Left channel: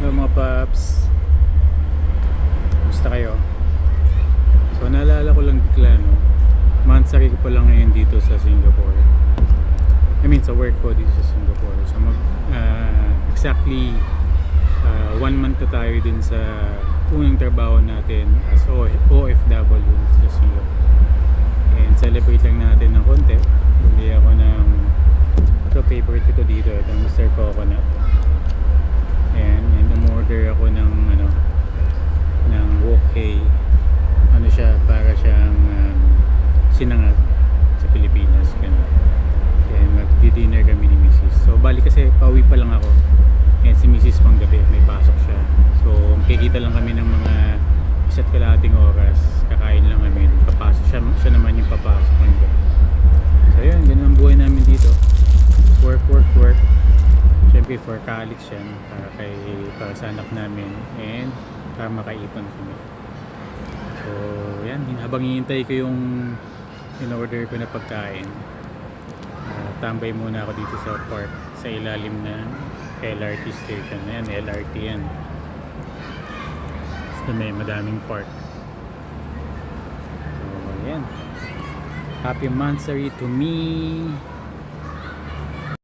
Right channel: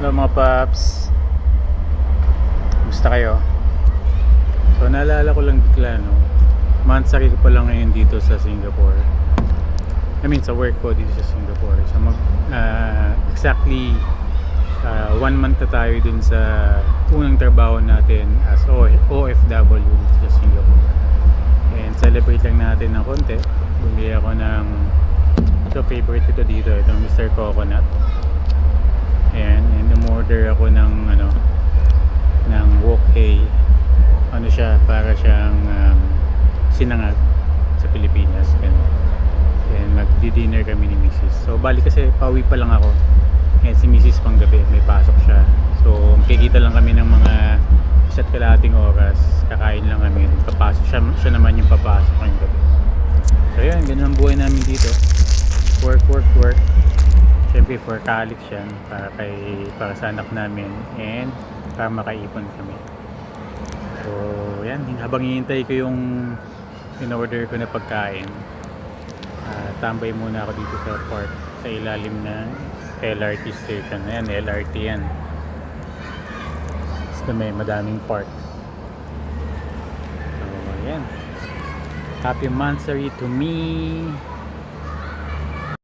Hello mga paps, gusto kayo? So naalala ko lang bigla, no, monthsary ko pa lang ngayon dito sa Singapore. I mean sa work ko dito sa Singapore. So exactly 1 month na tayo dun sa unang trabaho natin as OFW dito sa Singapore. And celebrate lang natin ng konti. Bumili ako ng favorite ko dito, itong Mr. Coconut. And umorder ako ng wok hay. Siya, para siyang sinangag sa Pilipinas, ganun. And magdi-dinner kami ni Mrs. So bali kasi pauwi pa lang ako, and si Mrs. pang gabi may pasok siya. So magkikita lang kami ng mga 1.5 oras, kakain lang kami, papasok siya naman yung papasok ng gabi. So yan, ganun ang buhay namin dito. Work. Siyempre for college yan, para sa anak namin, and para makaipon kami. So yan, habang hinihintay ko yung in-order ko na pagkain, tambay muna ako dito sa park, sa ilalim na LRT station. Ayan, LRT yan. So may madaming park. So yan, happy monthsary to me.